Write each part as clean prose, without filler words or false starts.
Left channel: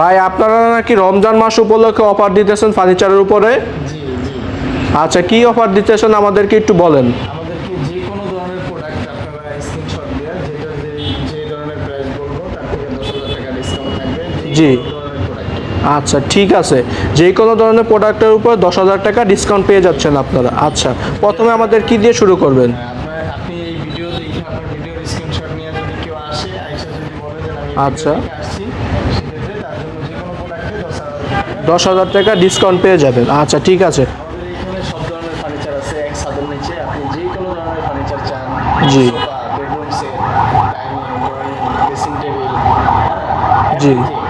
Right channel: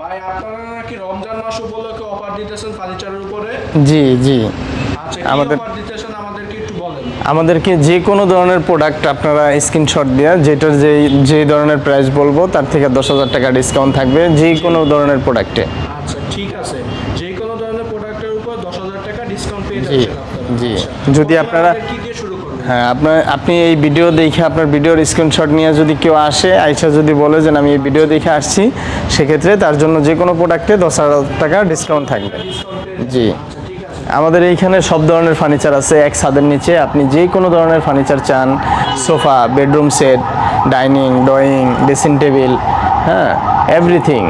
ভাই আপনারা নাকি রমজান মাস উপলক্ষে অফার দিতেছেন ফার্নিচারের উপরে? জি জি। আচ্ছা, কি অফার দিতেছেন আমাদেরকে একটু বলেন। আমাদেরকে যে কোনো ধরনের প্রোডাক্ট আপনারা স্ক্রিনশট দিয়ে যেটার যে ধরনের প্রাইস বলবো তার থেকে 10,000 টাকা ডিসকাউন্ট থাকবে যে কোনো ধরনের প্রোডাক্টে। আচ্ছা ঠিক আছে, যে কোনো ধরনের প্রোডাক্টের উপর 10,000 টাকা ডিসকাউন্ট পেয়ে যাচ্ছেন আপনারা। আচ্ছা, যদি প্রথমে আমাদের কি দিয়ে শুরু করবেন? হ্যাঁ, আপনি এই ভিডিও দেখে আপনার ভিডিওর স্ক্রিনশট নিয়ে যদি কেউ আসে আইসা যদি বলে যে আমি এই ভিডিও দেখে আসছি, সেক্ষেত্রে তার জন্য যে কোনো প্রোডাক্টে 10,000 টাকা ডিসকাউন্ট পেয়ে যাবেন। আচ্ছা ঠিক আছে, আমাদের এইখানে সব ধরনের ফার্নিচার আছে এক ছাদের নিচে। আপনি যে কোনো ধরনের ফার্নিচার চান, sofa, bedroom set, dining, drawing, dressing table, হ্যাঁ এভরিথিং,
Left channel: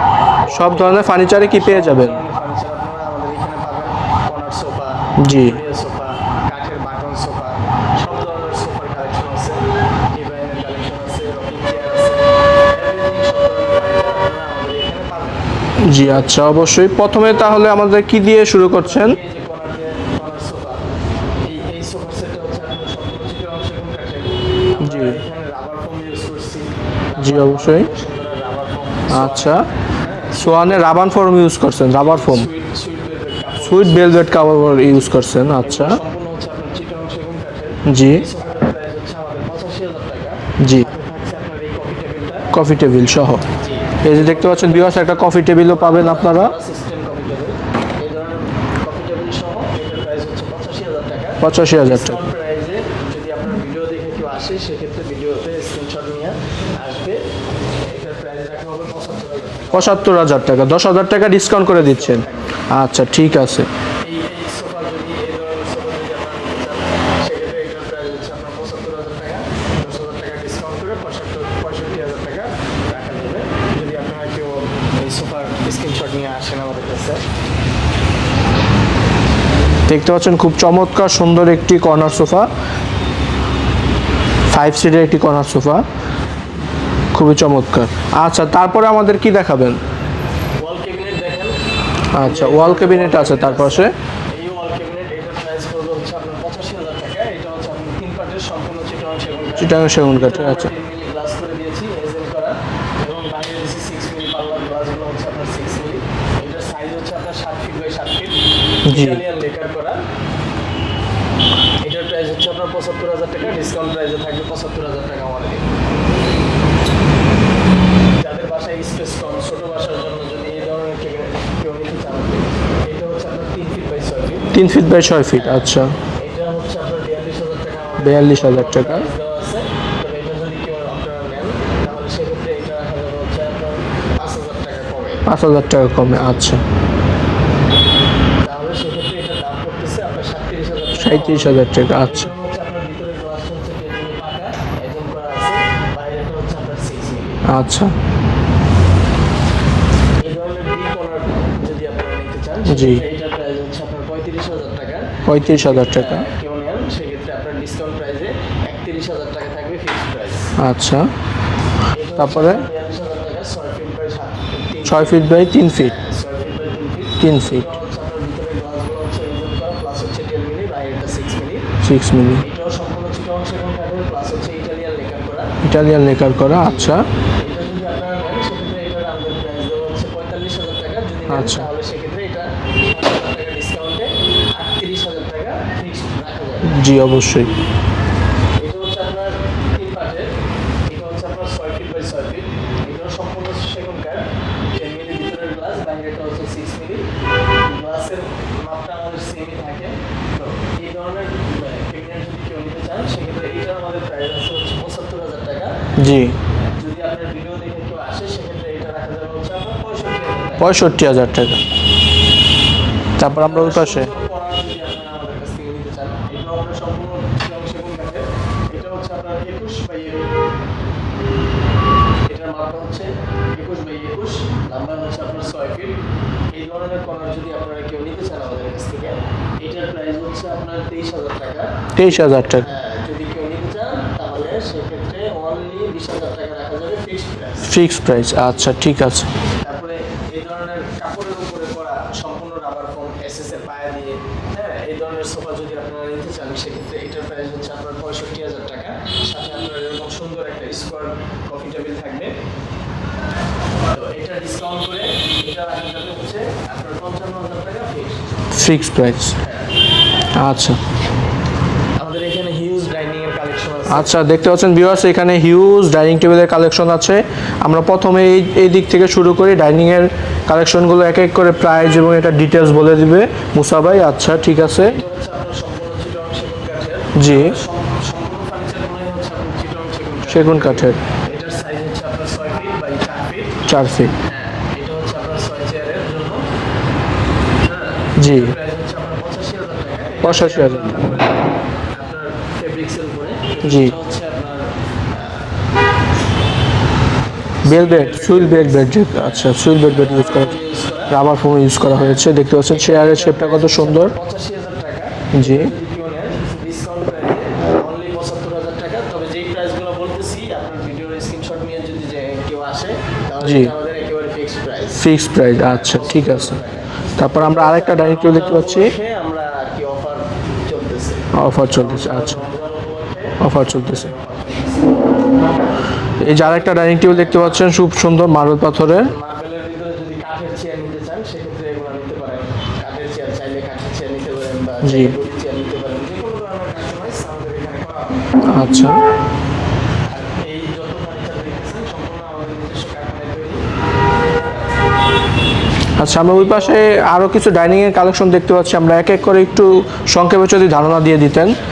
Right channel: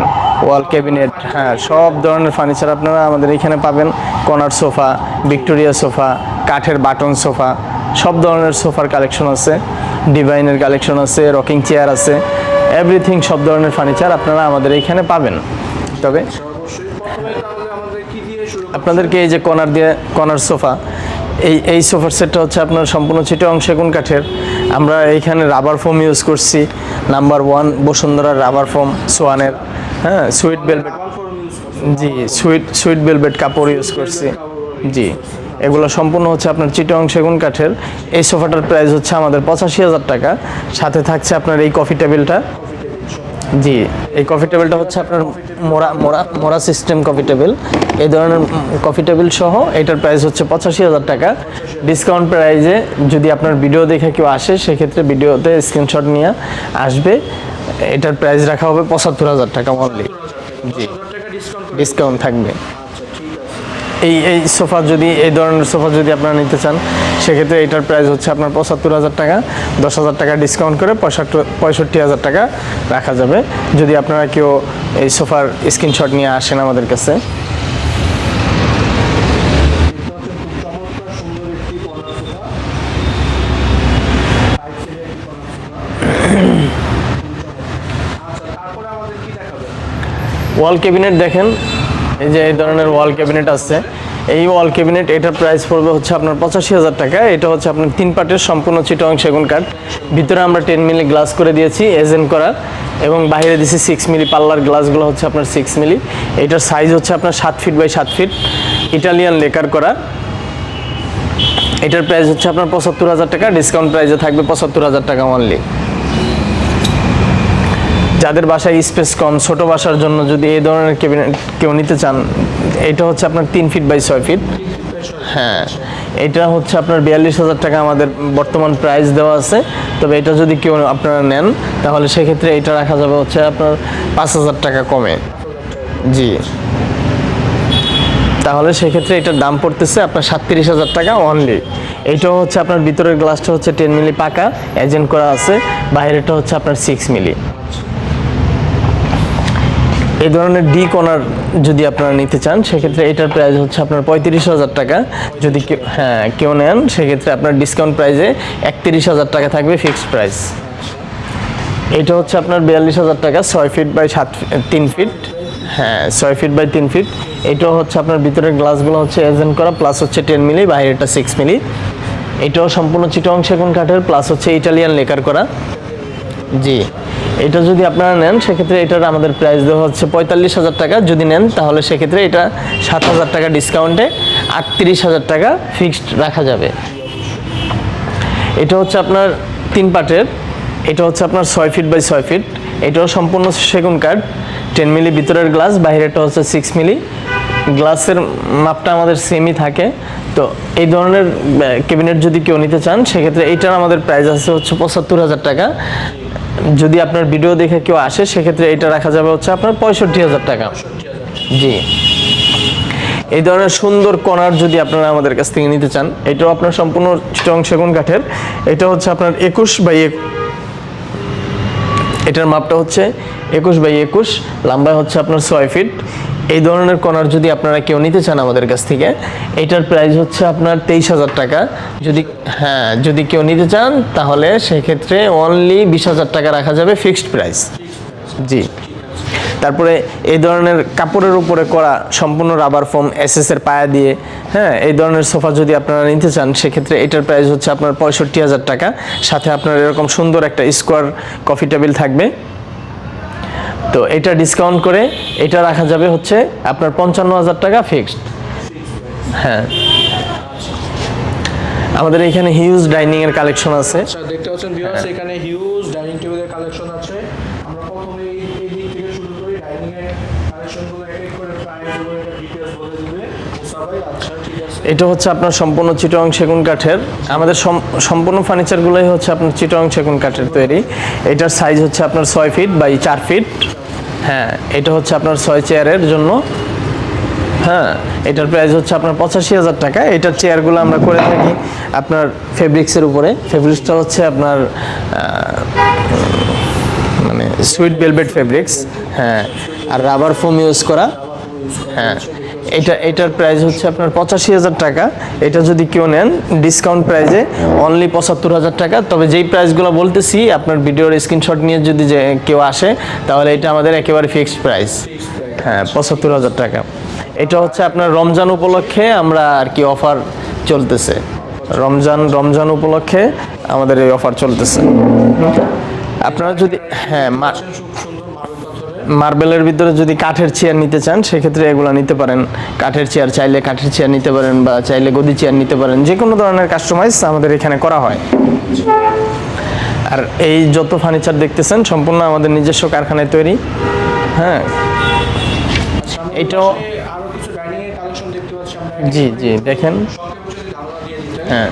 সব ধরনের ফার্নিচারই কি পেয়ে যাবেন? সব ধরনের ফার্নিচার আপনারা আমাদের এখানে পাবেন। কর্নার সোফা, ভিক্টোরিয়া সোফা, কাঠের বাটন সোফা, সব ধরনের সোফার কালেকশন আছে, ডিভাইনের কালেকশন আছে, রকিং চেয়ার আছে, এভরিথিং সব ধরনের ফার্নিচার আপনারা আমাদের এখানে পাবেন। জি আচ্ছা, অবশ্যই। প্রথমে তাহলে আমাদের কি দিয়ে শুরু করছেন? এই যে কর্নার সোফা, এই সোফার সেটটা হচ্ছে আপনার সম্পূর্ণ চিটাগং সেগুন কাঠের। আমরা এইখানে রাবার ফোম ইউজ করছি, নাম্বার 1 বসুন্ধরা রাবার ফোম সোয়ানের। হ্যাঁ, সোয়ানের রাবার ফোম ইউজ করছেন, রাবার ফোম সুইট ভেলভেট কাপড় ইউজ করছেন। এগুলো সম্পূর্ণ হচ্ছে আপনার চিটাগং সেগুন কাঠের। এই সোফাটার প্রাইস হচ্ছে আমাদের 85,000 টাকা। সাথে থাকছে আপনার এই কফি টেবিল সহ। জি, এই যে কফি টেবিল পাবেন আপনারা, মোড়া সিস্টেম কফি টেবিল। এই ধরনের কফি টেবিল সহ এটার প্রাইস হচ্ছে 85,000 টাকা। 85,000 ডিসকাউন্ট প্রাইজে যদি আপনার ভিডিও দেখে কেউ আসে, সেক্ষেত্রে ভিডিওতে স্ক্রিনশট নিয়ে আসবে। এটার প্রাইস রাখা হবে 75,000 টাকা। 75,000 টাকা, 10,000 টাকা ডিসকাউন্ট করে ডিসকাউন্ট থাকবে। আচ্ছা ঠিক আছে। এই সোফা যদি এই ধরনের সোফা যদি আপনারা নিতে চান, সেক্ষেত্রে এটার প্রাইস হচ্ছে আপনার 75,000 টাকা। 10,000 টাকা ডিসকাউন্ট করে 65,000 টাকা রাখা যাবে যদি আপনারা কেউ এই সোফার স্ক্রিনশট নিয়ে আসেন আমাদের কাছে। দেখতে পাচ্ছেন খুব চমৎকার সুন্দর একটি কর্নার সোফা, 5 সিটের একটি কর্নার সোফা, খুবই চমৎকার। আচ্ছা, তারপরে আমাদের কি দেখাবেন? ওয়াল ক্যাবিনেট দেখেন, এই যে ওয়াল ক্যাবিনেট আছে। এই ওয়াল ক্যাবিনেট এটার প্রাইস পড়বে হচ্ছে আপনার 85,000 টাকা। এটা হচ্ছে আপনার 3 পার্টের সম্পূর্ণ চিটাগং সেগুন কাঠ। ভিতরে আমরা 10 মিলি গ্লাস করে দিয়েছি, এজেন্ট করা, এবং বাইরে দিয়েছি 6 মিলি পাল্লার গ্লাসগুলো হচ্ছে আপনার 6 মিলি। এটার সাইজ হচ্ছে আপনার 7 feet by 7 feet, Italian lacquer করা। এটার প্রাইস হচ্ছে আপনার 75,000 টাকা। ডিসকাউন্ট প্রাইসে থাকবে 75,000 টাকা অনলি। যাদের বাসায় স্পেস কম, ছোট বাসার জন্য যদি এই ধরনের ক্যাবিনেট কেউ নিতে চান, এটা হচ্ছে আপনার 3 feet by 6 feet. 3 feet by 6 feet. আচ্ছা, এটা হচ্ছে আপনার 42,000 টাকা আমাদের বর্তমান প্রাইস দেওয়া আছে। তবে এটা যদি কেউ আপনারা নেন, তাহলে সেক্ষেত্রে এটা রাখা যাবে হচ্ছে আপনার 5,000 টাকা কমে। 5,000 টাকা কমে। আচ্ছা, তাহলে সেক্ষেত্রে এটার দাম পড়তেছে আপনার 37,000 টাকা। এটা হচ্ছে আপনার ভিতরের গ্লাসটা হচ্ছে 10 মিলি পাকা, এজেন্ট করা আছে। বাইরেটা হচ্ছে আপনার 6 মিলি। আচ্ছা, এই ধরনের ডি কর্নার যদি আপনারা নিতে চান, সেক্ষেত্রে এটার প্রাইস হচ্ছে আপনার 35,000 টাকা। 35,000 টাকা। হ্যাঁ, কেউ নেন সেক্ষেত্রে আপনার ডিসকাউন্ট প্রাইসে 31,000 টাকা থাকবে, ফিক্সড প্রাইস। আচ্ছা, এটা হচ্ছে আপনার 42,000 টাকা, 6 feet by 3 feet by 3 feet. হ্যাঁ, 6 ফিট বাই 3 ফিট। এটা হচ্ছে আপনার ভিতরের গ্লাসগুলো হচ্ছে এজেন্ট করা, প্লাস হচ্ছে 10 মিলি, বাইরেটা 6 মিলি। এটাও সম্পূর্ণ চিটাগং সেগুন কাঠের, প্লাস হচ্ছে ইটালিয়ান লেকার করা। আচ্ছা, এটা যদি আপনারা নেন, সেক্ষেত্রে এটার আমাদের প্রাইস দেওয়া হচ্ছে 45,000 টাকা। যদি নেন তাহলে সেক্ষেত্রে এটা 7,000 টাকা ডিসকাউন্টে 38,000 টাকা ফিক্সড রাখা যাবে। জি অবশ্যই। এটা হচ্ছে আপনার 3 পার্টের। এটা হচ্ছে আপনার 6 ফিট বাই 6 ফিট। এটাও সম্পূর্ণ সেগুন কাঠ, 10 মিলি ভিতরের গ্লাস, বাইরেটা হচ্ছে 6 মিলি। গ্লাসের মাপটা আমাদের সেমই থাকে। তো এই ধরনের ক্যাবিনেট যদি কেউ নিতে চান, সেক্ষেত্রে এইটার আমাদের প্রাইস আছে হচ্ছে 75,000 টাকা। জি, যদি আপনার ভিডিও দেখে কেউ আসে, সেক্ষেত্রে এটা রাখা যাবে হচ্ছে আপনার 65,000 টাকা। 65,000 টাকা। জি। এই ধরনের সুন্দর কর্নার যদি আপনারা আমাদের কাছ থেকে নিতে চান, এটাও আপনার সম্পূর্ণ চিটাগং সেগুন কাঠের। এটা হচ্ছে আপনার 21 বাই, এটার মাপটা হচ্ছে 21 বাই 21, লম্বায় হচ্ছে আপনার 6 ফিট। এই ধরনের কর্নার যদি আপনারা কেউ নিতে চান আমাদের কাছ থেকে, এটার প্রাইস হচ্ছে আপনার 23,000 টাকা। 23,000 টাকা। হ্যাঁ, যদি কেউ নিতে চান তাহলে সেক্ষেত্রে অনলি 20,000 টাকা রাখা যাবে, ফিক্সড প্রাইস। আচ্ছা ঠিক আছে। তারপরে এই ধরনের কাপড়ের উপরে করা সম্পূর্ণ রাবার ফোম এসএস এর পায়া দিয়ে, হ্যাঁ, এই ধরনের সোফা যদি আপনারা নিতে চান, সেক্ষেত্রে এটার প্রাইস হচ্ছে আপনার 65,000 টাকা। সাথে আপনার এরকম সুন্দর একটা স্কোয়ার কফি টেবিল থাকবে। তো এটা ডিসকাউন্ট করে এটা রাখা যাবে হচ্ছে আপনার 55,000 টাকা ফিক্সড প্রাইস। হ্যাঁ। আচ্ছা, আমাদের এখানে হিউজ ডাইনিং এর কালেকশন আছে। আচ্ছা দেখতে পাচ্ছেন ভিউয়ার্স, এখানে হিউজ ডাইনিং টেবিলের কালেকশন আছে। আমরা প্রথমে এই দিক থেকে শুরু করি, ডাইনিং এর কালেকশনগুলো এক এক করে প্রাইস এবং এটা ডিটেলস বলে দিবে মুসা ভাই। আচ্ছা ঠিক আছে, এটা হচ্ছে আপনার সম্পূর্ণ চিটাগং সেগুন কাঠের। আমাদের সম্পূর্ণ ফার্নিচার গুলোই হচ্ছে আপনার চিটাগং সেগুন কাঠের তৈরি। এটার সাইজ হচ্ছে আপনার 6 ফিট বাই 4 ফিট। হ্যাঁ, এটা হচ্ছে আপনার 6 চেয়ারের জন্য। হ্যাঁ, এটার প্রাইস হচ্ছে আপনার 85,000 টাকা। এটার চেয়ারগুলো আমরা করে থাকি আপনার ফেব্রিক্সের উপরে। ফেব্রিক্সটা হচ্ছে আপনার মানে সুইট ভেলভেট ফেব্রিক্স। হ্যাঁ, আর রাবার ফোম ইউজ করা হয়েছে। দেখতে পাচ্ছেন এটার প্রাইস হচ্ছে আপনার 85,000 টাকা। এটা যদি কেউ নেন ডিসকাউন্ট প্রাইসে অনলি 75,000 টাকা। তবে যেই প্রাইসগুলো বলতেছি আপনার ভিডিওর স্ক্রিনশট নিয়ে যদি কেউ আসে তাহলে এটা আমাদের একেবারে ফিক্সড প্রাইস। 75,000 টাকা। তারপর এটা হচ্ছে আপনার রমজান উপলক্ষে আমরা আর কি অফার চলতেছে। রমজান উপলক্ষে আমাদের এই অফার চলতেছে। এই যে আরেকটা ডাইনিং টেবিল দেখতে পাচ্ছেন, খুব সুন্দর মার্বেল পাথরে। মার্বেলের ভিতরে যদি কাঠের চেয়ার নিতে চান সেক্ষেত্রে এগুলো নিতে পারেন। কাঠের চেয়ার চাইলে কাঠের চেয়ার নিতে পারেন বা চাইলে গদি চেয়ার নিতে পারেন। যে কোনো ধরনের কাস্টমাইজ আমাদের এখানে করা হয়। আচ্ছা, আর এই যত ফার্নিচার দেখতেছেন সম্পূর্ণ আমাদের নিজস্ব কারখানায় তৈরি। হ্যাঁ। আচ্ছা, আমরা ওই পাশে আরো কিছু ডাইনিং এর কালেকশন দেখতে পাচ্ছি। আমরা এক এক করে একটু সংক্ষেপে যদি ধারণা দিয়ে দিতেন। হ্যাঁ,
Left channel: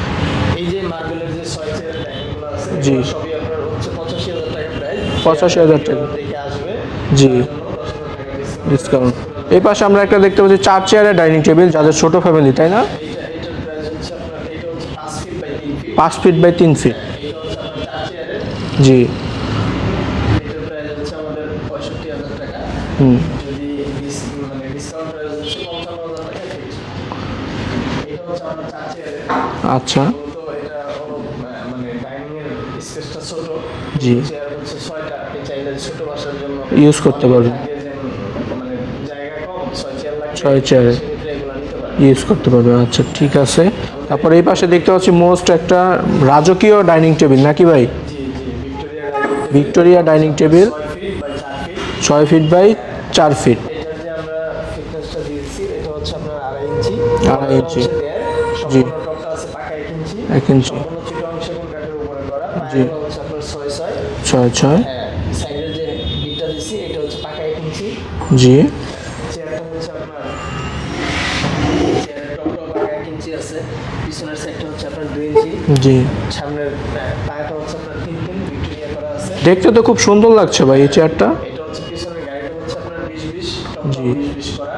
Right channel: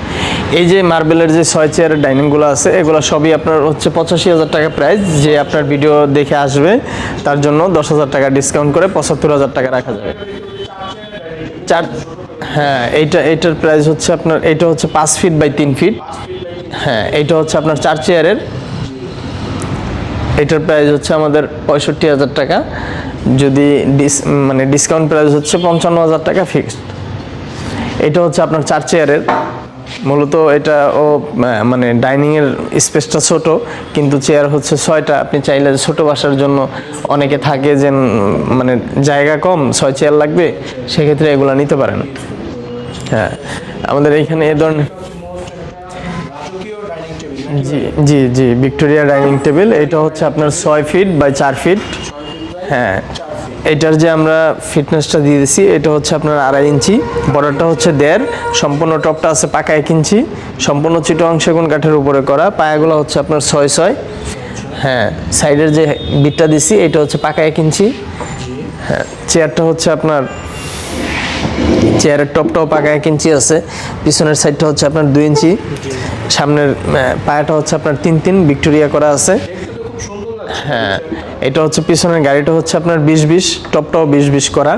এই যে মার্বেলের যে 6 চেয়ারের ডাইনিং গুলো আছে এগুলো সবই আপনার হচ্ছে 85,000 টাকা প্রাইস। যে আপনার ভিডিও দেখে আসবে তার জন্য 10,000 টাকা ডিসকাউন্ট করে 75,000 টাকা। এই পাশে আমরা একটা দেখতে পাচ্ছি 4 চেয়ারের ডাইনিং টেবিল, যাদের ছোট ফ্যামিলি, তাই না? এটার প্রাইস হচ্ছে আপনার, এটা হচ্ছে 5 feet by 3 feet. 5 feet by 3 feet. হ্যাঁ, এটা হচ্ছে আপনার 4 চেয়ারের। জি, এটার প্রাইস হচ্ছে আমাদের 65,000 টাকা। যদি মানে ডিসকাউন্ট প্রাইস হচ্ছে 55,000 টাকা ফিক্সড। এটা হচ্ছে আপনার 4 চেয়ারের। আচ্ছা, মূলত এটা মানে ডাইনিং এর স্পেসটা ছোট, কিন্তু চেয়ার হচ্ছে 6টা। আপনি চাইলে ছোট বাসার জন্য অনেকে থাকে যে মানে জায়গা কম, 6 চেয়ার লাগবে, সেক্ষেত্রে এগুলো নিতে পারেন, ইউজ করতে পারবেন। আচ্ছা ঠিক আছে। আমাদের এই পাশে দেখতে পাচ্ছি মোস্ট একটা রাজকীয় ডাইনিং টেবিল, নাকি ভাই? জি, ভিক্টোরিয়া ডাইনিং টেবিল। এটা হচ্ছে আপনার 6 feet by 4 feet. 6 feet by 4 feet. এটার যে আমরা ফিটনেসটা দিয়ে দিছি এটা হচ্ছে আপনার 2.5 ইঞ্চি, বড়টা হচ্ছে 1.5। সম্পূর্ণ টপটা আছে পাকা 1 ইঞ্চি, সম্পূর্ণ চিটাগং সেগুন কাঠের উপরে করা। পায়াগুলো হচ্ছে আপনার 6.6। হ্যাঁ, সাইডের যে বিটটা দিছি এটা হচ্ছে পাকা 1 ইঞ্চি। জি, হ্যাঁ। চেয়ারটা হচ্ছে আপনার, চেয়ারের টপটাও পাকা 1 ইঞ্চি আছে। পিছনের সাইডটা হচ্ছে আপনার 2 ইঞ্চি। জি, সামনের পায়াটা হচ্ছে আপনার 3 ভিক্টোরিয়া করা আছে। দেখতে তো খুব সুন্দর লাগছে ভাই এই চেয়ারটা। এটা হচ্ছে পিছনের গাড়িটা হচ্ছে আপনার 20-20, টপটাও 20-20 করা।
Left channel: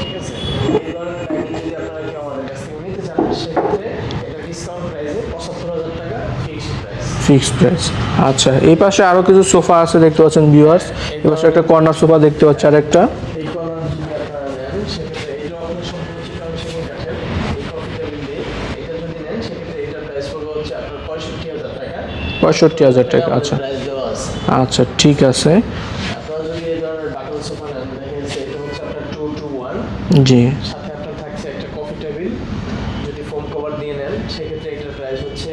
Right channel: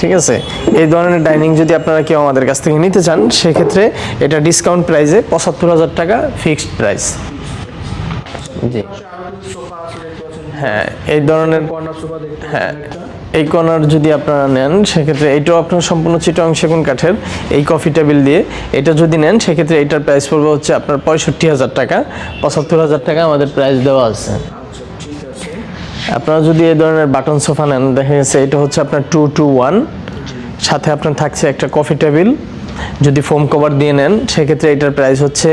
ঠিক আছে। এই ধরনের ডাইনিং যদি আপনারা কেউ আমাদের কাছ থেকে নিতে চান সেক্ষেত্রে এটা ডিসকাউন্ট প্রাইসে 75,000 টাকা ফিক্সড প্রাইস। আচ্ছা, এই পাশে আরো কিছু সোফা আছে দেখতে পাচ্ছেন ভিউয়ার্স। এই ধরনের কর্নার সোফা দেখতে পাচ্ছি আরেকটা। এই কর্নার যদি আপনারা নেন সেক্ষেত্রে এটাও আপনার সম্পূর্ণ চিটাগং সেগুন কাঠের। এই কফি টেবিল দিয়ে এটা যদি নেন সেক্ষেত্রে এটার প্রাইস পড়বে হচ্ছে আপনার 65,000 টাকা। 75,000 টাকা আমাদের প্রাইস দেওয়া আছে। আচ্ছা ঠিক আছে। আপনারা যদি এই ধরনের বাটন সোফা নেন, দেখা গেছে এটা হচ্ছে আপনার 2 to 1। জি, সাথে আপনার থাকছে একটা কফি টেবিল। যদি ফোম কভার দিয়ে নেন সেক্ষেত্রে এটার প্রাইস হচ্ছে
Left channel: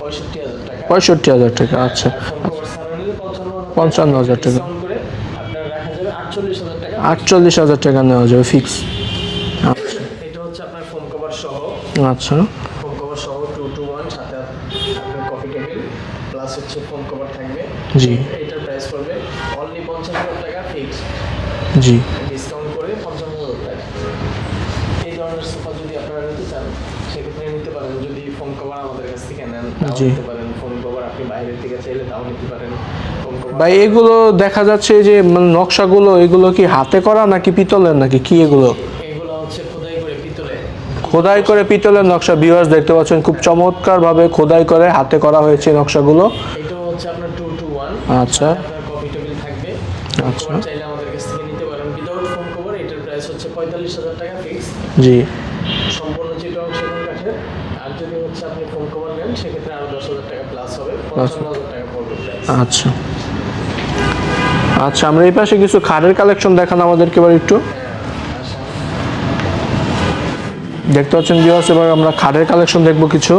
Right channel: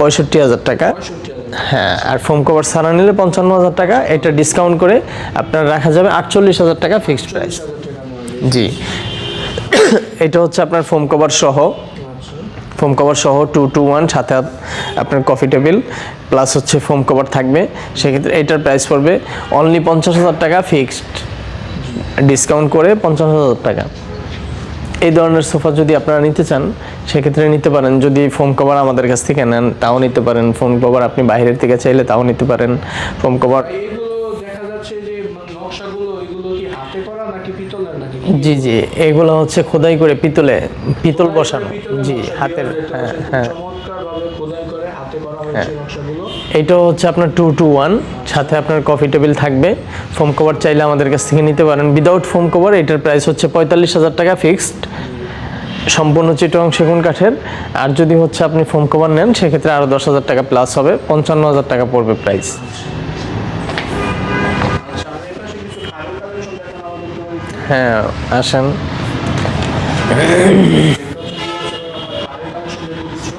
65,000 টাকা। 65,000 টাকা। আচ্ছা, আর ফোম কভার ছাড়া নিলে 55,000 টাকা। এটা ডিসকাউন্ট করে আপনার রাখা যাবে 48,000 টাকা। 48,000 টাকা নেওয়া যাবে। এটা হচ্ছে আপনার ফোম কভার সহ। আচ্ছা, ফোম কভার সহ 2 to 1, সাথে আপনার কফি টেবিল প্লাস হচ্ছে ফোম কভার থাকবে। সেক্ষেত্রে এটার প্রাইস পড়বে অনলি 50,000 টাকা ফিক্সড। জি, ডিসকাউন্ট করে 50,000 টাকা। এই ধরনের সোফা যদি আপনারা নিতে চান সেক্ষেত্রে নিতে পারেন। যদি ফোম কভার আমাদের কাছ থেকে নেন তাও নিতে পারেন। ফোম কভার আপনি বাইরের থেকে চাইলে তাও নিতে পারেন। ফোম কভার এগুলো দেখা যাচ্ছে যে নকশাগুলো এগুলো কি হাতে করা নাকি পিতলের, নাকি কি এগুলো? এগুলো হচ্ছে খোদাই করে পিতলের নকশা। ভিউয়ার্স দেখতে পাচ্ছেন খুব চমৎকার ভাবে খোদাই করে হাতে করা হয়েছে নকশাগুলো। এটা হচ্ছে আপনার 2 to 1, সাথে আপনার কফি টেবিল থাকবে। ফোম কভার চাইলে আমাদের কাছ থেকে নিতে পারেন। উইদাউট ফোম কভার এটার প্রাইস হচ্ছে 45,000 টাকা ফিক্সড। জি, সম্পূর্ণ চিটাগং সেগুন কাঠের। আর যদি হচ্ছে আপনি ফোম কভার নেন সেক্ষেত্রে আরো 10,000 টাকা প্লাস হবে, 55,000 টাকা পড়বে প্রাইস। আচ্ছা আচ্ছা, আমরা এই পাশে কিছু খাটের কালেকশন দেখান আমাদেরকে এবার একটু। হ্যাঁ, আসেন। দেখতে পাচ্ছেন ভিউয়ার্স, এবার আমরা খাটের কালেকশন দেখবো কিছু।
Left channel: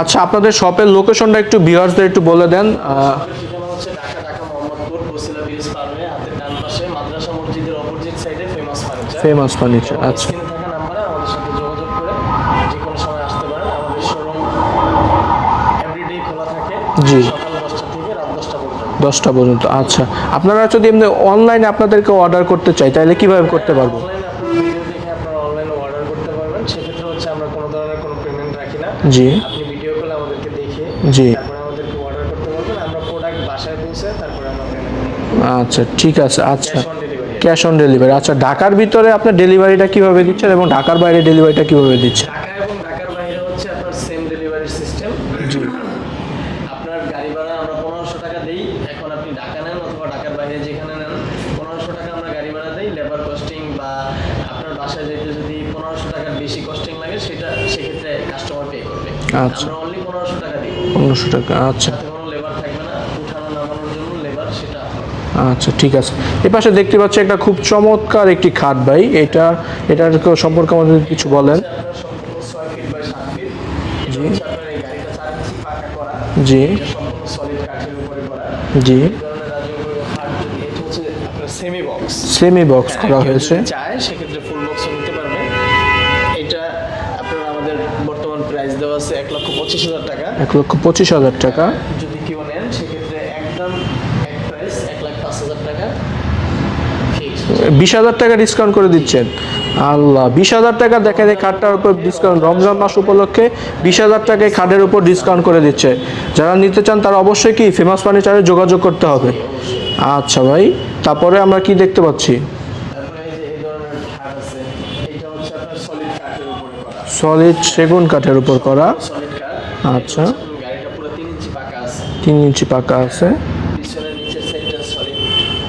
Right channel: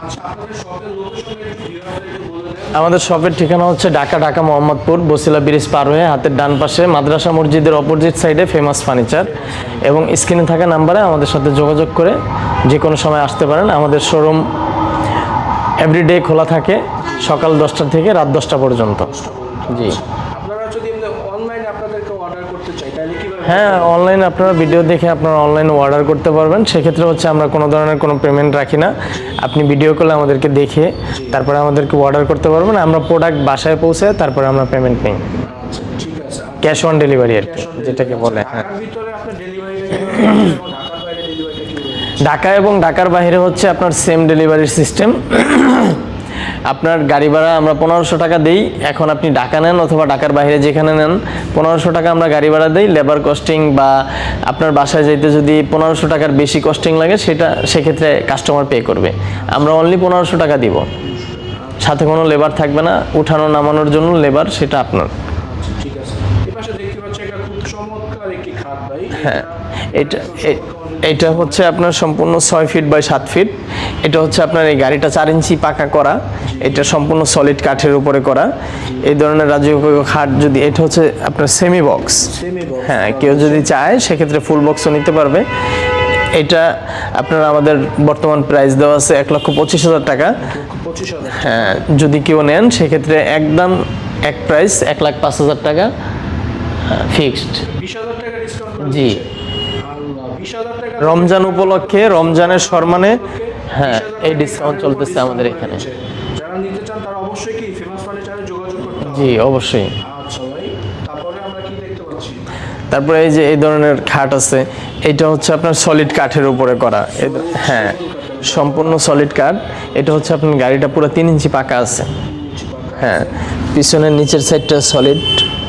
আচ্ছা, আপনাদের শপের লোকেশনটা একটু ভিউয়ার্সদের একটু বলে দেন। আমাদের শপের ঠিকানা হচ্ছে ঢাকা মোহাম্মদপুর বসিলা ব্রিজ পার হয়ে হাতের ডান পাশে মাদ্রাসা মসজিদের অপোজিট সাইডে ফেমাস ফার্নিচার। এবং স্ক্রিনে থাকা নাম্বারে আমাদের সাথে যোগাযোগ করে যে কোনো সময় আসতে পারেন। আমাদের শোরুম এভরিডে খোলা থাকে সকাল 10টা থেকে রাত 10টা পর্যন্ত। আচ্ছা, আপনারা যদি এমনি অনলাইনে আপনাদেরকে অর্ডার করতে চাই তাহলে কিভাবে করতে পারবেন? অনলাইনে আপনারা ভিডিও দেখে আপনারা অনলাইনে অর্ডার করতে পারবেন। সেক্ষেত্রে হচ্ছে আমরা কোনো ধরনের কোনো পেমেন্ট রাখি না। আপনি ভিডিও কলে আমাদেরকে দেখে তারপরে আমাদেরকে অর্ডার করতে পারবেন। আমরা প্রোডাক্ট বাসায় পৌঁছে তারপরে আমরা পেমেন্ট নিই। আচ্ছা, ঠিক আছে। Cash on delivery. আচ্ছা, ঢাকার ভিতরে আপনার ডেলিভারিটা কিভাবে দিচ্ছেন এবং ঢাকার বাইরে ডেলিভারিটা কিভাবে দিচ্ছেন? ঢাকা এবং ঢাকার বাইরে হচ্ছে আপনার সেম ডেলিভারি সিস্টেম। আপনার গাড়ি ভাড়া আমরা 1500 টাকা দেই। এখন আপনি ঢাকা নেন অথবা ঢাকার বাইরে যেখানে নেন 1500 টাকা আমরা গাড়ি ভাড়া দেই। লেবার কস্টিং বা আপনার বাসায় যেতে যদি 1500 টাকার বেশি কস্টিং লাগে সেক্ষেত্রে কাস্টমার পে করবে। আমরা অনলি 1500 টাকা দিব। 1500 টাকা। সাথে কোনো লেবার থাকবে না, উঠানো নামানোর জন্য লেবার সেটা আপনার। আচ্ছা, ঠিক আছে। এই পাশে দেখতে পাচ্ছি একটা খুব চমৎকার একটি খাট ভাই। এটা সম্পর্কে আমাদের এটা হচ্ছে আপনার সম্পূর্ণ 6 ফিট বাই 7 ফিট। এটা হচ্ছে আপনার এই গাড়িটা 4 ইঞ্চি পাকা করা। এটা সম্পূর্ণ সলিড কাঠের উপরে করা। এই ধরনের রাজকীয় খাট যদি এটা হচ্ছে আপনার সেমি বক্স। কেউ যদি চায় সেক্ষেত্রে ফুল বক্সও নিতে পারবে। এটা আপনার আমাদের বর্তমান প্রাইস দেওয়া আছে 1,25,000 টাকা। 1,25,000 টাকা। যদি কেউ নেন সেক্ষেত্রে একদম এক প্রাইস 1,05,000 টাকা ফিক্সড। 20,000 টাকা ডিসকাউন্ট করে দিচ্ছেন। আল্লাহ, 20,000 টাকা রমজানের সম্মানে 20,000 টাকা খাটের উপর ডিসকাউন্ট করে দিচ্ছে। যারা নিতে চান তারা অবশ্যই কি ফেমাস ফার্নিচারে যোগাযোগ করতে হবে। অবশ্যই। আচ্ছা ভাই, তারপরে আমরা কি দেখতে পাচ্ছি? তারপরে এই যে এই ধরনের খাট আছে। এটা হচ্ছে আপনার সলিড কাঠের উপরে করা, সলিড সেগুন কাঠের উপর করা, সম্পূর্ণ সলিড কাঠ। এটা হচ্ছে আপনার গাড়িটা পুরো 3 ইঞ্চি পাকা আছে। 3 ইঞ্চি পাকা আছে। পিছনের নিচের সাইডটা সলিড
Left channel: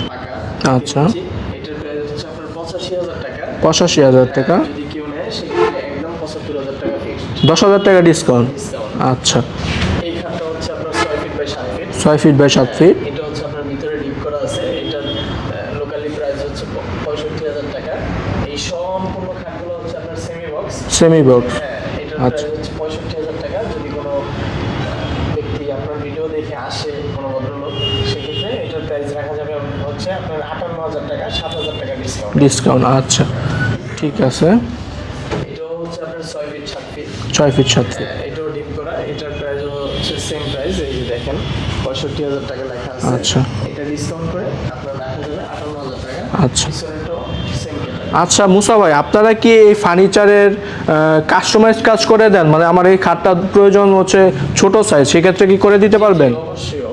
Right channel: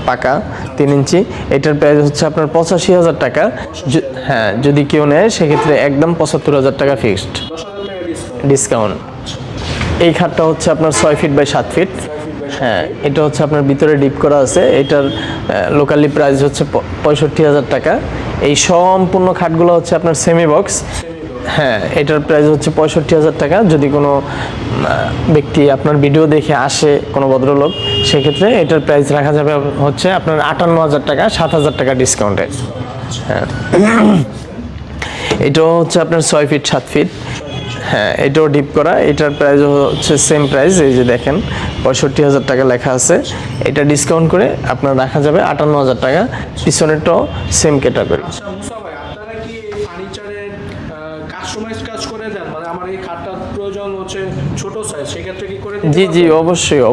পাকা 3 ইঞ্চি। এটার প্রাইস হচ্ছে আপনার 85,000 টাকা। 85,000 টাকা। যদি কেউ নেয় সেক্ষেত্রে একদম 75,000 টাকা ফিক্সড। 10,000 টাকা ডিসকাউন্ট। আচ্ছা, এই খাটটা হচ্ছে আপনার 6 feet by 7 feet. 6 feet by 7 feet. এটা হচ্ছে আপনার ভিতরে ডিপ করা আছে। এটার লোকালি প্রাইস হচ্ছে 65,000 টাকা। এই সম্পূর্ণ খাটগুলো হচ্ছে আপনার সেমি বক্স। এটার প্রাইস হচ্ছে 65,000 টাকা। যদি কোনো ব্যক্তি আপনার ভিডিও দেখে আসে, কোনো ভদ্রলোক, সেক্ষেত্রে এটার প্রাইস রাখা যাবে হচ্ছে আপনার 58,000 টাকা, 7,000 টাকা ডিসকাউন্ট। আচ্ছা, ঠিক আছে। এটাও হচ্ছে আপনার 6 ফিট 7 ফিট। এটাও ডিপ করা। এটার প্রাইস হচ্ছে সেম প্রাইস। এই যে দেখেন 65,000 টাকা লেখা আছে। এটা ডিসকাউন্ট করে আপনার রাখা যাবে 58,000 টাকা। পিছনেরটাও সেম ক্যাটাগরি। আচ্ছা মুসা ভাই, আপনারা কি এই ফার্নিচারের কাস্টমাইজ কাজ করে দেন? মানে আমার এই খাটটার প্রয়োজন হচ্ছে ছোট সাইজ, সেক্ষেত্রে কি করে দিতে পারবেন?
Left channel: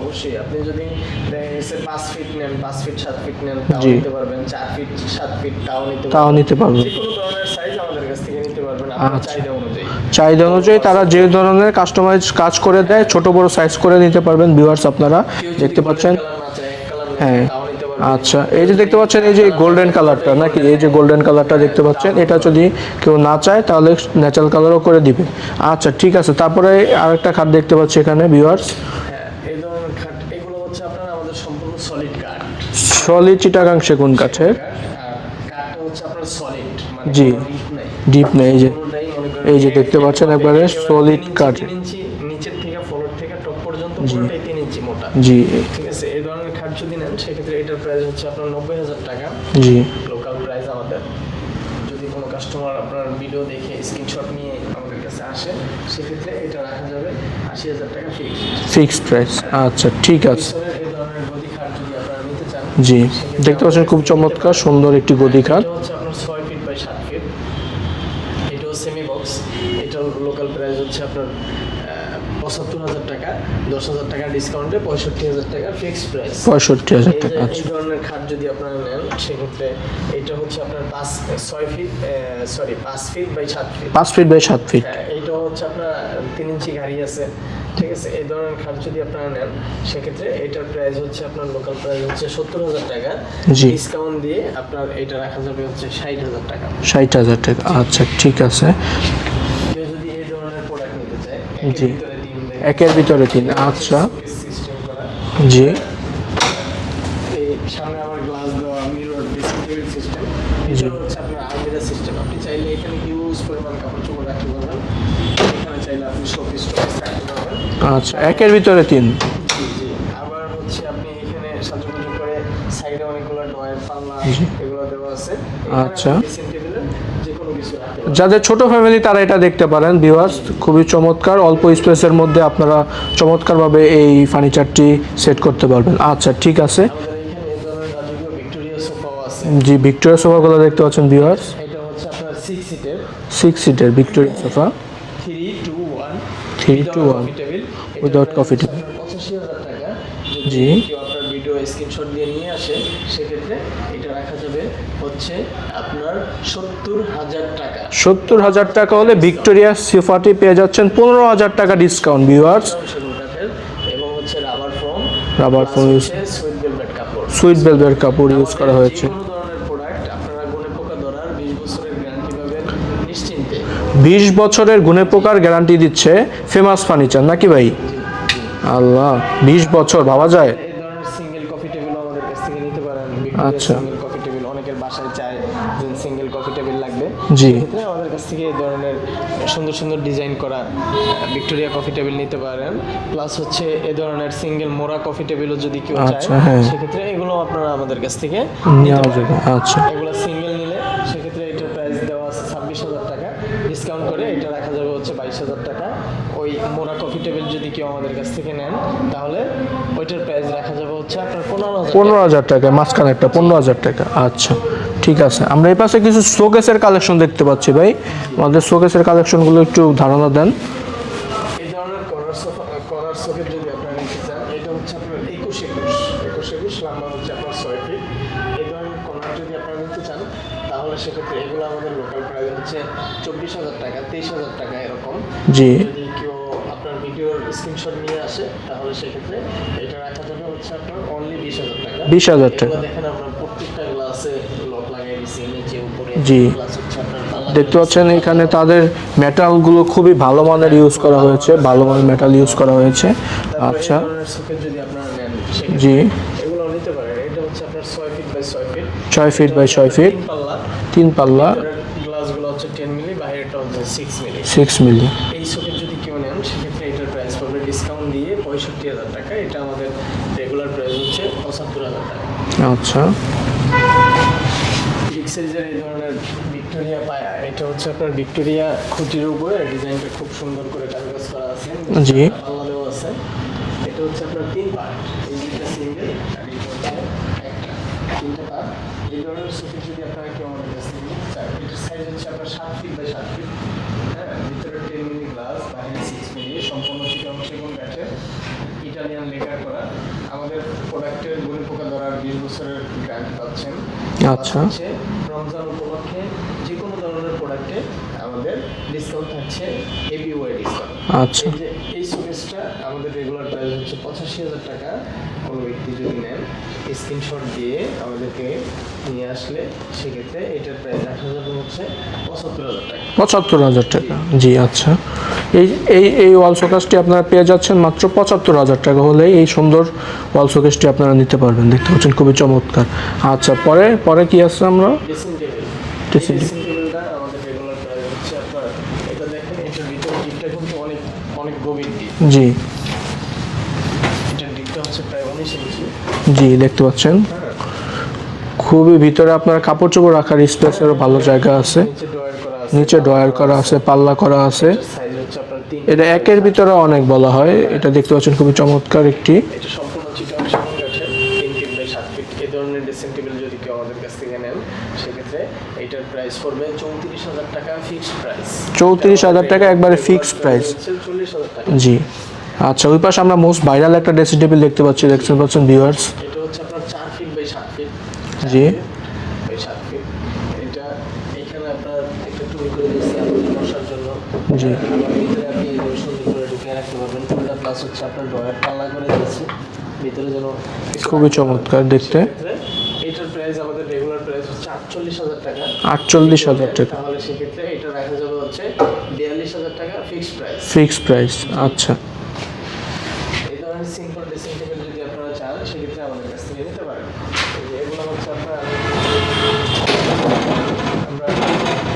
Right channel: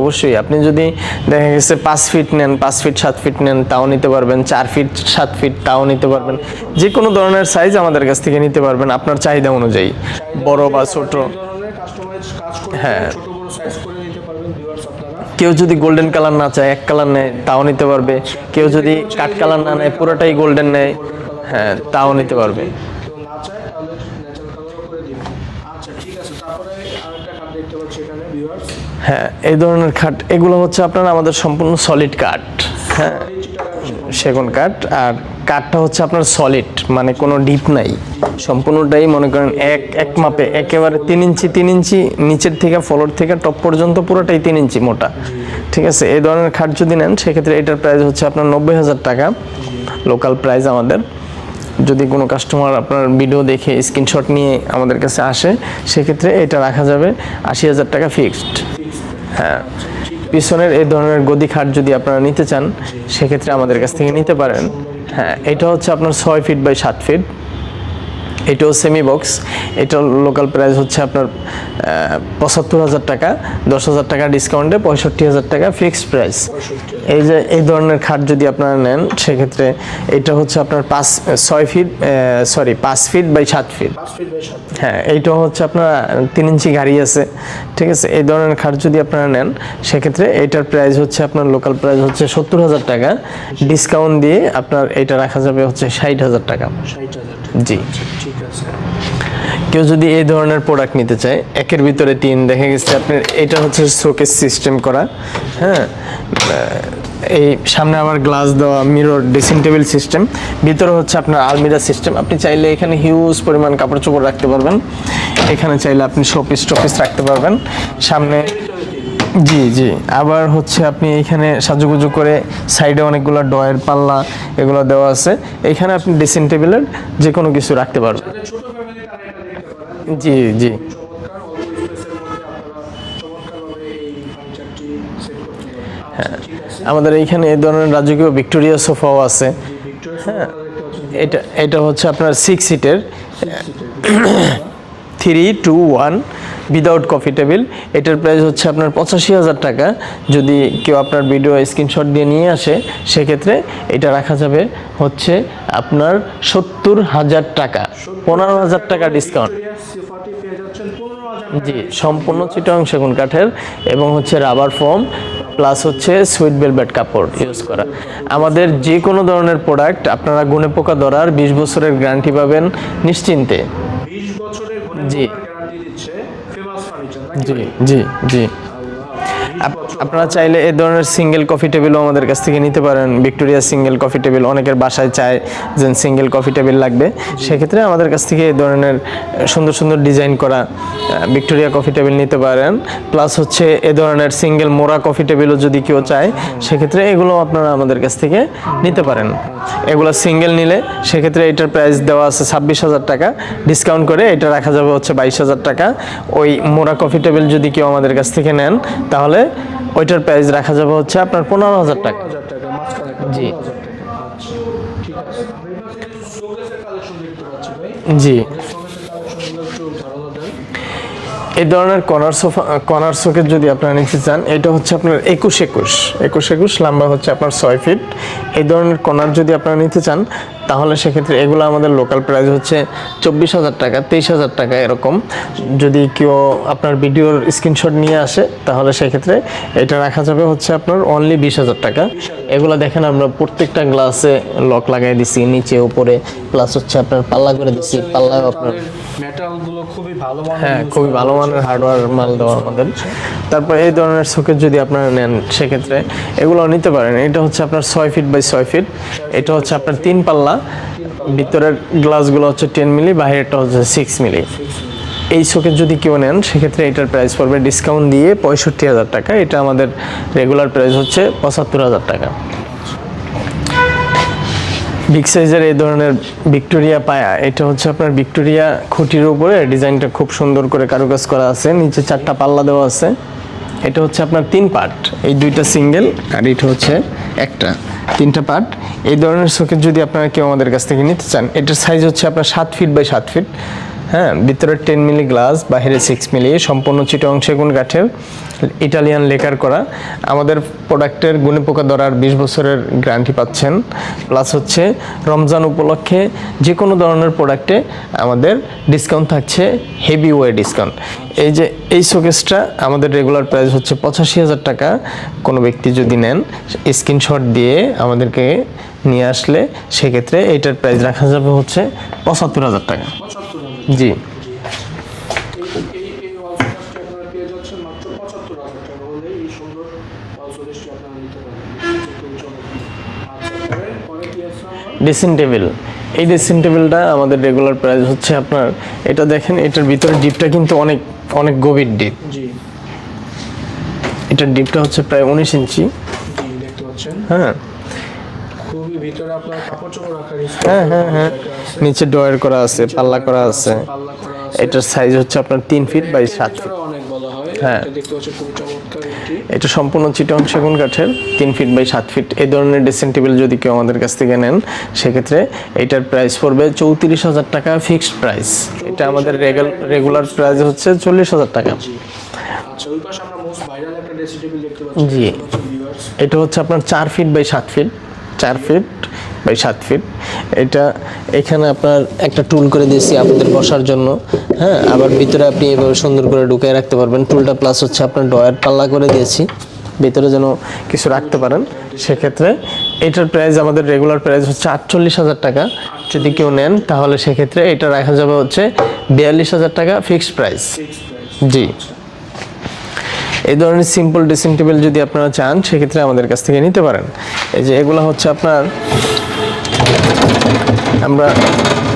অবশ্যই। আপনি যদি দেখা গেছে 5 ফিট নেন, 5 ফিট 7 ফিট নেন, তাও নিতে পারবেন। 4 ফিট 7 ফিট তাও নিতে পারবেন। যে কোনো ধরনের সাইজ আমাদের কাছ থেকে নিতে পারবেন আপনার চাহিদা অনুযায়ী। তারা যে ধরনের কাস্টমাইজ কাজ করে দেয়, ছোট বড় সাইজ করে নিতে পারবেন। ভিউয়ার্স, আপনারা কেউ যদি গোল্ডেন কালার না চায়, এক কালার নেয়, তাও নিতে পারবে। কেউ যদি গোল্ডেন কালারটা দেখতে পাচ্ছেন, এটা যদি কেউ না চায় তাহলে ন্যাচারাল কালারও করে দিবে। আচ্ছা, ঠিক আছে। তারপরে আরেকটা খাট দেখতে পাচ্ছি এখানে ভিউয়ার্স। এই ধরনের খাট এগুলো হচ্ছে আপনার আমাদের সম্পূর্ণ সলিড কাঠ। সলিড চিটাগাং সেগুন কাঠ। আর কাঠটা হচ্ছে আপনার সলিড, মানে কোনো ডিপ নাই। সম্পূর্ণটাই মনে করেন একেবারে 3 ইঞ্চি নিচের থেকে ফ্লোর থেকে টপ পর্যন্ত পুরোটাই 3 ইঞ্চি মোটা। ঠিক আছে। এই ধরনের খাট যদি নেন সেক্ষেত্রে এটার প্রাইস হচ্ছে আপনার 90,000 টাকা। লোকাল প্রাইস আমাদের। যদি কোনো কাস্টমার আপনার ভিডিও দেখে স্ক্রিনশট নিয়ে আমাদের কাছে আসে সেক্ষেত্রে এটা রাখা যাবে 80,000 টাকা ফিক্সড প্রাইস। আচ্ছা, ঠিক আছে। পিছনের এই ধরনের গদি খাট যদি আপনারা নিতে চান সেক্ষেত্রে আমাদের কাছ থেকে নিতে পারেন। সুন্দর একটি গদি খাট। এটা হচ্ছে আপনার 6 ফিট বাই 7 ফিট। এটাও সেমি বক্স। এটার লোকাল প্রাইস হচ্ছে আপনার 75,000 টাকা। 10,000 টাকা ডিসকাউন্টে 65,000 টাকা ফিক্সড প্রাইস। 65,000। এই যে এই ধরনের খাট যদি আপনারা নেন সেক্ষেত্রে এটা হচ্ছে আপনার 5 feet by 7 feet. 5 feet by 7 feet. এইটাও হচ্ছে আপনার 3 ইঞ্চি গাড়ি আছে। ঠিক আছে। এই ধরনের খাট যদি আপনারা নেন সেক্ষেত্রে এটার প্রাইস হচ্ছে আপনার লোকাল প্রাইস হচ্ছে 70,000 টাকা। ডিসকাউন্ট দিয়ে আপনার এটা রাখা যাবে হচ্ছে 60,000 টাকা। 60,000 টাকা। আচ্ছা, ঠিক আছে। কেউ যদি এই ধরনের প্রোডাক্ট নিতে চায়, একের ভিতরে 3, দেখা গেছে এটা হচ্ছে শোকেস সিস্টেম করা। এই সামনে আবার গ্লাস দেওয়া মিরর ড্রেসিং টেবিল সিস্টেম, ভিতরে হচ্ছে আপনার আলমিরা সিস্টেম। আপনি চাইলে এখানে হিউজ পরিমাণ কাপড় চোপড় রাখতে পারবেন, এখানে চাইলে আপনি শোপিস টপিস রাখতে পারবেন। সামনে একের ভিতরে 3। জি জি। আবার হচ্ছে আপনি এখানে সাজুগুজু করে সাইডে অনেকগুলো ডয়ের পাল্লা এগুলো দেওয়া আছে, এখানে আপনি ড্রেসিং টেবিলের যে কোনো কিছু রাখতে পারবেন। যাদের ছোট ফ্যামিলি তারা এটা দেখতে পারেন ভিউয়ার্স, জি, জি। খুবই চমৎকার, অল্প স্পেসের মধ্যে আপনারা চমৎকারভাবে এই ফার্নিচারটি সেট করতে পারবেন। আচ্ছা ঠিক আছে। আমাদের এইখানে এই ধরনের রাজকীয় ভিক্টোরিয়া সোফাও আছে। জি, ভিক্টোরিয়া সোফাগুলো দেখতে পাচ্ছেন ভিউয়ার্স, এটা হচ্ছে আপনার 6 সিটের 6 সিটের Victoria sofa, 3-2-1 without coffee table. এটার Without প্রাইস coffee হচ্ছে আপনার 85,000 টাকা। যদি কেউ আপনার ভিডিও স্ক্রিনশট দিয়ে নিয়ে আসে সেক্ষেত্রে এটা রাখা যাবে হচ্ছে আপনার 70,000 টাকা। 70,000 টাকা হলে ভিক্টোরিয়া সোফাটি পেয়ে যাচ্ছেন 15,000 টাকা ডিসকাউন্ট ভিউয়ার্স। চিটাগং সেগুন কাঠের এবং হচ্ছে রাবার ফোম প্লাস foam হচ্ছে সুইট ভেলভেট কাপড়। সুইট ভেলভেট কাপড় use আমাদের করা যে হয়েছে। কোনো ধরনের প্রোডাক্ট আপনারা গুণে পোকা ধরার 20 বছরের গ্যারান্টি পাবেন নিশ্চিন্তে। 20 বছরের গুণে পোকার গ্যারান্টি দিচ্ছে ফেমাস ফার্নিচার, নাকি ভাই? জি জি। আল্লাহ, 20 বছর আপনারা ভাবা যায়। চাইলে এই ধরনের সিঙ্গেল কফি টেবিলও আমাদের কাছ থেকে নিতে পারেন। ভিক্টোরিয়া সিঙ্গেল কফি টেবিল অনেকের বাসায় চায় যে সিঙ্গেল কফি টেবিল লাগবে, সেক্ষেত্রে আমাদের কাছ থেকে এই ধরনের সুন্দর সুন্দর ডিজাইন করা ভিক্টোরিয়া কফি টেবিল নিতে পারেন। প্লাস হচ্ছে এই ধরনের সিঙ্গেল মোড়া কফি টেবিলও যদি কেউ চায় সেক্ষেত্রে এগুলো আপনারা আমাদের কাছ থেকে নিতে পারেন। আচ্ছা। এগুলো সিঙ্গেল নিলে সেক্ষেত্রে এটার প্রাইস দেওয়া আছে 26,000 টাকা, ডিসকাউন্ট করে এটা রাখা যাবে হচ্ছে 22,000 টাকা। ওই মোড়া কফি টেবিল যদি কেউ আমাদের কাছ থেকে নেন তাহলে ওইটার প্রাইস রাখা যাবে হচ্ছে আপনার 15,000 টাকা, মাঝখানে একটা 15,000 টাকা। আচ্ছা ঠিক আছে। আমরা এই পাশে কিছু শোকেসের কালেকশন দেখতে পাচ্ছি ভাই। জি। আমাদের শোকেসের কালেকশনগুলো একটু ধারণা দেন। এই ধরনের কর্নার শোকেস যদি আপনারা নিতে চান, এটা হচ্ছে আপনার 21 লম্বা হচ্ছে আপনার 6 ফিট। এই ধরনের কর্নার যদি আপনারা নিতে চান তাহলে সেক্ষেত্রে এগুলো আমাদের লোকাল প্রাইস হচ্ছে 24,000 টাকা, 23,000 টাকা এরকম। জি। যদি কেউ আপনার ভিডিওর স্ক্রিনশট নিয়ে আসে তাহলে সেক্ষেত্রে এটা রাখা যাবে হচ্ছে আপনার অনলি 20,000 টাকা। 20,000 টাকা। এগুলো দেখেন আমরা প্রত্যেকটা গ্লাসে লক লাগাই দিছি, নিচে উপরে, জি। প্লাস হচ্ছে আপনার পাল্লা করে দেখতে দিছি। পাচ্ছেন এখানে তাদের মেটাল গুলো খুবই ভালো মানের ইউজ খুবই করা ভালো হয়েছে, মানের ভালো মানের মেটাল ইউজ করা দেওয়া হয়েছে। তারপর এই ধরনের শোকেস যদি আপনারা নেন সেক্ষেত্রে এগুলো নিতে পারেন। এটা হচ্ছে আপনার 6 ফিট বাই 6 ফিট, 6 ফিট এটা বাই হচ্ছে 6 আপনার ফিট। 3 পাল্লা, 3 পাল্লা, ভিতরের গ্লাসগুলো হচ্ছে 10 মিলি, বাইরেরটা হচ্ছে 6 মিলি। 6 মিলি। এই শোকেস যদি কেউ নেন সেক্ষেত্রে এটার প্রাইস পড়বে ডিসকাউন্ট দিয়ে 65,000 টাকা। এটা আমাদের রেগুলার প্রাইস হচ্ছে 75,000 টাকা। আচ্ছা। বিগ সাইজের এই ধরনের ভিক্টোরিয়া পায়া, এটা হচ্ছে আপনার ভিক্টোরিয়া খুঁটির উপরে ডিজাইনটা খুব সুন্দর করে কারুকাজ করা আছে, নিচে 4টা পাল্লা দেওয়া আছে। এটা হচ্ছে আপনার 3 পার্ট, এই 2টা সিঙ্গেল আর এটা হচ্ছে একটা, 3টা পার্ট। এই ধরনের শোকেস যদি আপনারা কেউ আমাদের কাছ থেকে নিতে চান, এটার সাইজ হচ্ছে আপনার 7 ফিট বাই 7 ফিট। হ্যাঁ, ভিতরে 10 মিলি গ্লাস, বাইরে 6 মিলি, সম্পূর্ণ চিটাগং সেগুন কাঠের, ইটালিয়ান লেকার করা। আমাদের প্রোডাক্টের গুণে পোকা ধরার 20 বছরের গ্যারান্টি পাচ্ছেন। প্লাস হচ্ছে রমজান উপলক্ষে যে কোনো ধরনের প্রোডাক্টে আমাদের ডিসকাউন্ট থাকছে, হেভি ওয়ে ডিসকাউন্ট। এই যে এই শোকেসটা আমাদের রেগুলার প্রাইস হচ্ছে 85,000 টাকা। কোনো ব্যক্তি যদি নেন স্ক্রিনশট দিয়ে আমাদেরকে নিয়ে আসলে সেক্ষেত্রে এইটার প্রাইস রাখা যাবে হচ্ছে 75,000 টাকা। 75,000 টাকা। জি। জি আচ্ছা। এই ওয়াল শোকেসটি আপনারা পেয়ে যাচ্ছেন মাত্র 75,000 টাকা হলে এই সুন্দর ওয়াল শোকেসটি আপনারা নিতে পারবেন। দেখতে পাচ্ছেন খুবই চমৎকার। আচ্ছা, পরে কি আছে আমরা? Dressing table. এই ড্রেসিং টেবিলটা আমাদের রেগুলার প্রাইস হচ্ছে আপনার, এটা দেখেন এটার ভিতরে ডিপটা কিন্তু অনেক অনেক গভীর ডিপ। জি। এটার ডিপটা হচ্ছে প্রায় 19 ইঞ্চি। জি, দেখতে পাচ্ছেন। হ্যাঁ, খুবই ভিতরে আপনার কাপড় চোপড় রাখার স্পেসের ভালো জায়গা আছে। নিচে ডয়ার করা আছে, নিচে পাল্লা ড্রয়ার করা আছে, পাল্লা করা আছে। এটার সাইজ হচ্ছে আপনার 3 ফিট এটা বাই একের 7। ভিতরে অনেক বলা হয়। এটা দেখতে পাচ্ছেন খুবই চমৎকার একটি। এটা সম্পূর্ণ চিটাগং সেগুন কাঠের, 3 ফিট বাই 7 ফিট। এই ধরনের ড্রেসিং টেবিল যদি কেউ আমাদের কাছ থেকে নেন সেক্ষেত্রে এটার প্রাইস পড়বে 34,000 টাকা ফিক্সড প্রাইস। 34,000 টাকা একবারে রেগুলার ফিক্সড প্রাইস প্রাইস হচ্ছে 40,000 টাকা। জি। আচ্ছা, ওই পাশে আমরা মোস্ট ভাইরাল একটা ড্রেসিং টেবিল দেখতে পাচ্ছি, দেখতে পাচ্ছেন ভিউয়ার্স। এটা হচ্ছে আপনার 4 feet by 7 feet, 4 feet by 7 feet. এটা এখানে আপনার একটা টুল করে দিয়েছি আপনাদের বসার জন্য। হ্যাঁ, আবার ভিতরে আপনি এভাবে সুন্দর করে ঢুকিয়ে রাখতে পারবেন টুলটা। প্লাস হচ্ছে আপনার ডয়ার পাল্লা করে দিয়েছি ভিতরে যেন কিছু রাখতে পারেন। সেক্ষেত্রে এটার প্রাইস আমাদের রেগুলার প্রাইস হচ্ছে 48,000 টাকা। 48,000 নেন তাহলে সেক্ষেত্রে এটা রাখা যাবে হচ্ছে 42,000 টাকা ফিক্সড প্রাইস। Fixed price. জি। আচ্ছা। এই ধরনের সিম্পল ড্রেসিং টেবিল যদি আপনারা চান সেক্ষেত্রে আমাদের কাছ থেকে নিতে পারেন। এই যে এগুলো হচ্ছে আপনার, আমরা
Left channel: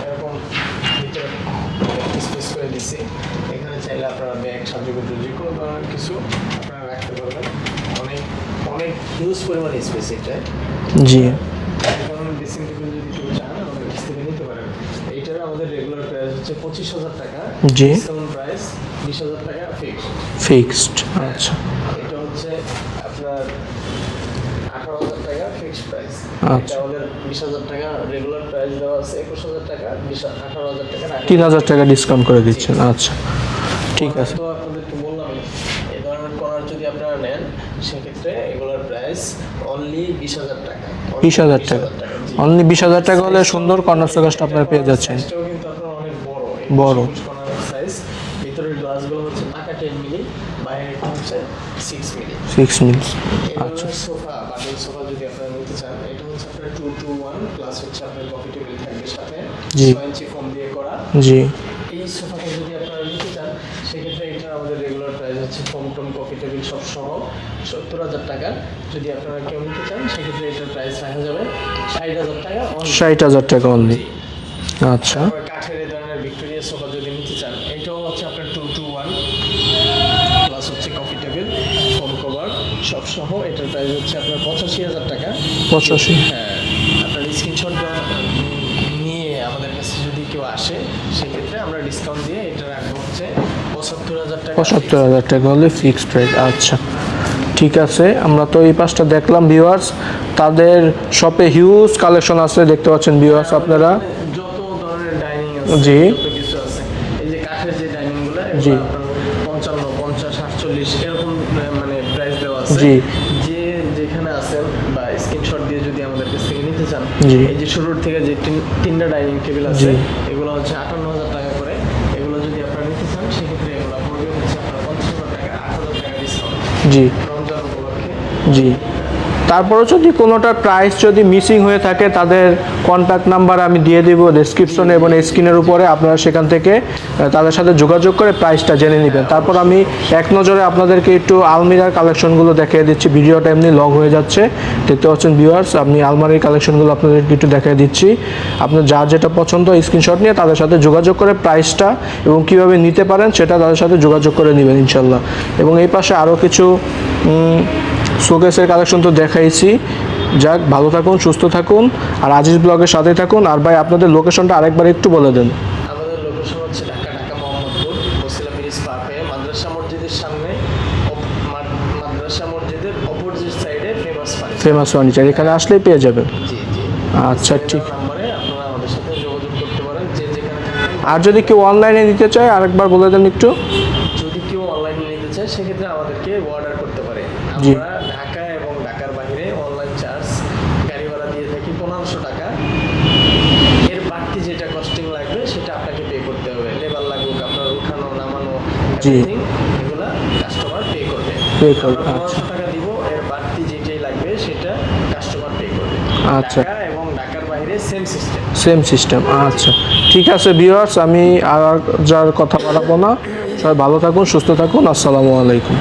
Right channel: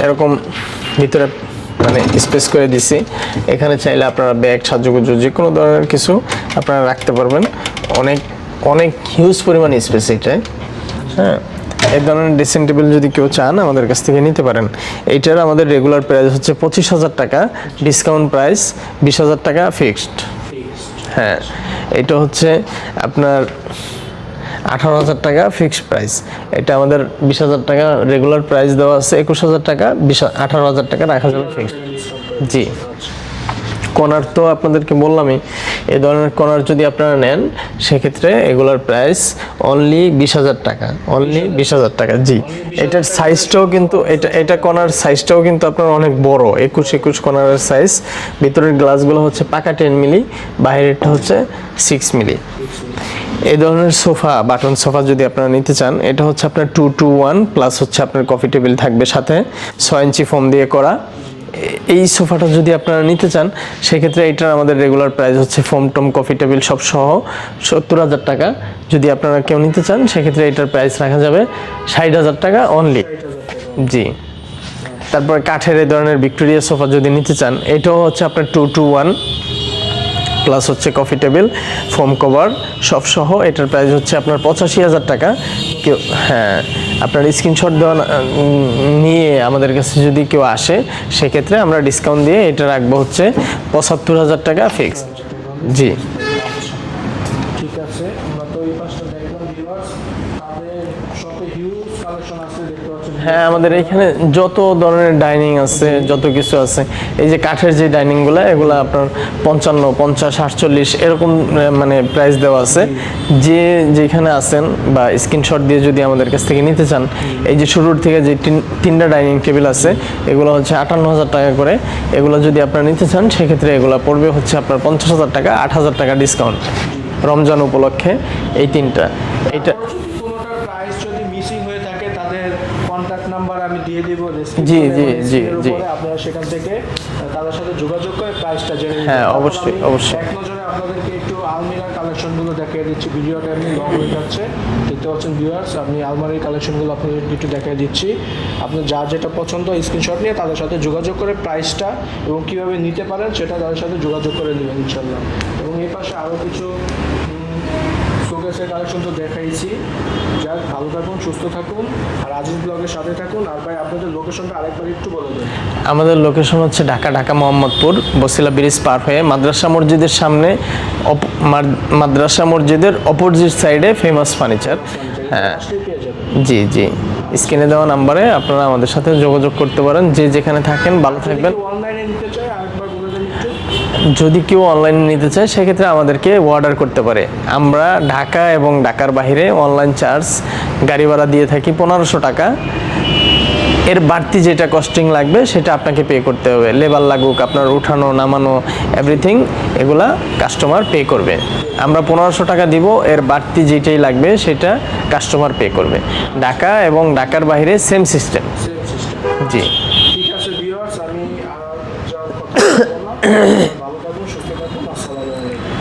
এরকম ভিতরে মানে স্পেস করে দিছি, এখানে চাইলে আপনারা ব্যাগ সাজুগুজু যে কোনো ধরনের কিছু আপনারা রাখতে পারবেন। অনেক অনেক হিউজ পরিমাণ স্পেস এটাই। জি, এই ধরনের ড্রেসিং টেবিল যদি কেউ চান আমাদের কাছ থেকে নিতে পারেন। এইটার আমাদের রেগুলার প্রাইস হচ্ছে 25,000 টাকা, ডিসকাউন্ট প্রাইস 20,000 টাকা ফিক্সড। হ্যাঁ, এটা হচ্ছে আপনার 18,000 টাকা ফিক্সড প্রাইস। এটা আমাদের 20,000 টাকা রেগুলার প্রাইস দেওয়া আছে, 21,000 টাকা, 18,000 টাকা রাখা, 3,000 টাকা ডিসকাউন্ট করে দিচ্ছেন। আচ্ছা, কর্নার তো আপনাদেরকে বললামই, এই ধরনের কর্নার যদি আপনারা নেন সেক্ষেত্রে এগুলার প্রাইস অনলি 20,000 টাকা, অনলি 20,000 টাকা। জি, অনলি 20,000 টাকা। সাইজটাও কিন্তু এটা কর্নার সাইজটাও কিন্তু আপনার অনেক বড়, 21 কর্নারের সাইজ। ভিতরের গ্লাসগুলো হচ্ছে পাকা 10 মিলি, বাইরেরটা হচ্ছে 6 মিলি। এই ধরনের সোফা, বাটন সোফা যদি আপনারা নিতে চান, এটা হচ্ছে আপনার 2-to-1 প্লাস হচ্ছে আপনার কফি টেবিল থাকবে সাথে, 6 ইঞ্চি ফোম দিয়ে করা। জি, এই সোফাটা যদি আপনারা নিতে চান সেক্ষেত্রে এটার আমাদের রেগুলার প্রাইস হচ্ছে ফোম টম কফি টেবিল সব সহ 70,000 টাকা। যদি আপনারা কেউ নিতে চান সেক্ষেত্রে এটার প্রাইস রাখা যাবে 60,000 টাকা অনলি। 60,000 টাকা অনলি। জি। আচ্ছা, তারপর কাঠের এই ধরনের ভিক্টোরিয়া সোফা যদি নিতে চান, এটাও হচ্ছে আপনার 2-to-1 প্লাস হচ্ছে কফি টেবিল, ফোম কভার সব সহ, এটার প্রাইস হচ্ছে আপনার 85,000 টাকা। 85। হ্যাঁ, আপনার স্ক্রিনশট দেওয়া নিয়ে আমাদের কাছে যদি কেউ আসে সেক্ষেত্রে আমরা ডিসকাউন্ট দিয়ে এটা রাখবো হচ্ছে 75,000 টাকা। 75,000 টাকা হলে ফিক্সড প্রাইস। আচ্ছা, ঠিক আছে। আমরা তো এই পাশটা দেখলাম ভিউয়ার্স, তাদের শপে হিউজ কালেকশন আছে, দেখতে পাচ্ছেন ভিউয়ার্স আমাদের আপনারা। এখানে যত ধরনের ডাইনিং আছে, যত কিছু আছে, এই যে কাঠের যে ডাইনিং গুলো, এগুলো আপনার 55, 50, 48 এরকম মানে প্রাইস দেওয়া আছে। যে যেখানে আছেন বা স্ক্রিনশট দিয়ে যদি আমাদের কাছ থেকে নিতে চান, এই যে শুরুর থেকে যে তিনটা ডাইনিং টেবিল আছে এগুলো হচ্ছে 58,000 টাকা করে। এগুলো যদি আপনারা নিতে চান সেক্ষেত্রে এগুলো পড়বে হচ্ছে আপনার 50,000 টাকা, 8,000 টাকা ডিসকাউন্ট। জি, রমজান উপলক্ষে এই তিনটা। তারপরে যদি কোনোটা প্রাইস যদি মিসিং হয়ে থাকে, তাদের কন্ট্যাক্ট নাম্বার আমি দিয়ে দিব ডেসক্রিপশনে এবং স্ক্রিনের উপরে, আপনারা সেখান থেকে তাদের সাথে যোগাযোগ করে প্রাইসটা জেনে নেবেন। তারপর আমি এক নজরে আপনাদেরকে একটু আলমিরার কালেকশনগুলো দেখিয়ে দিচ্ছি। ভিডিওটা এমনি লং হয়ে যাচ্ছে, দেখতে পাচ্ছেন ভিউয়ার্স। আমি আলমারির কালেকশনগুলো আপনাদেরকে একটু দেখিয়ে দিচ্ছি। আপনার যার যেটা পছন্দ স্ক্রিনশট নিয়ে তাদের সাথে যোগাযোগ করে প্রাইসটা এবং কিভাবে নিতে পারেন সেটা তাদের সাথে যোগাযোগ করে নেবেন ইনশাল্লাহ। এবং এই পাশে আরও কিছু শোকেসের কালেকশন তো দেখাইছি। যাক, ভালো থাকুন, সুস্থ থাকুন, আর আজিজ ব্লগের সাথে থাকুন। আর ভাই, আপনাদের লোকেশনটা আরেকবার একটু বলে দেন। আমাদের লোকেশন হচ্ছে ঢাকা মোহাম্মদপুর, বসিলা ব্রিজ পার হয়ে মাদ্রাসা মসজিদের সামনে, মাদ্রাসা মসজিদের অপোজিট সাইডে ফেমাস ফার্নিচার। এখানে আসলেই পেয়ে যাবেন। জি জি, স্ক্রিনে দেওয়া নাম্বারে আপনারা আমাদের সাথে যোগাযোগ করতে পারেন, যে যেখানে থাকেন। আর যদি কেউ অনলাইনে নিতে চায়, আরেকবার বলে দেন একটু। যদি কেউ অনলাইনে নিতে চায় সেক্ষেত্রে আমাদেরকে অর্ডার করতে পারে। আমরা ঢাকা এবং ঢাকার বাইরে অনলাইন চার্জ, গাড়ি ভাড়া দিয়ে থাকি 1500 টাকা। এর বাড়তি যেটা কস্টিং লাগবে সেটা আপনাকে পে করতে হবে। লেবার লাগুক, আপনার উঠানো নামানো এভরিথিং এগুলা কাস্টমার পে করবে। আমরা 1500 টাকা দিব, এর বাড়তি যেটাই লাগবে সেটা কাস্টমার পে করবে। ঢাকা এবং ঢাকার বাইরে সেম সিস্টেম। আচ্ছা, ঠিক আছে ভিউয়ার্স, আমি আর যার কথা বলবো না। ভালো থাকুন, সুস্থ থাকুন। আসসালামু আলাইকুম।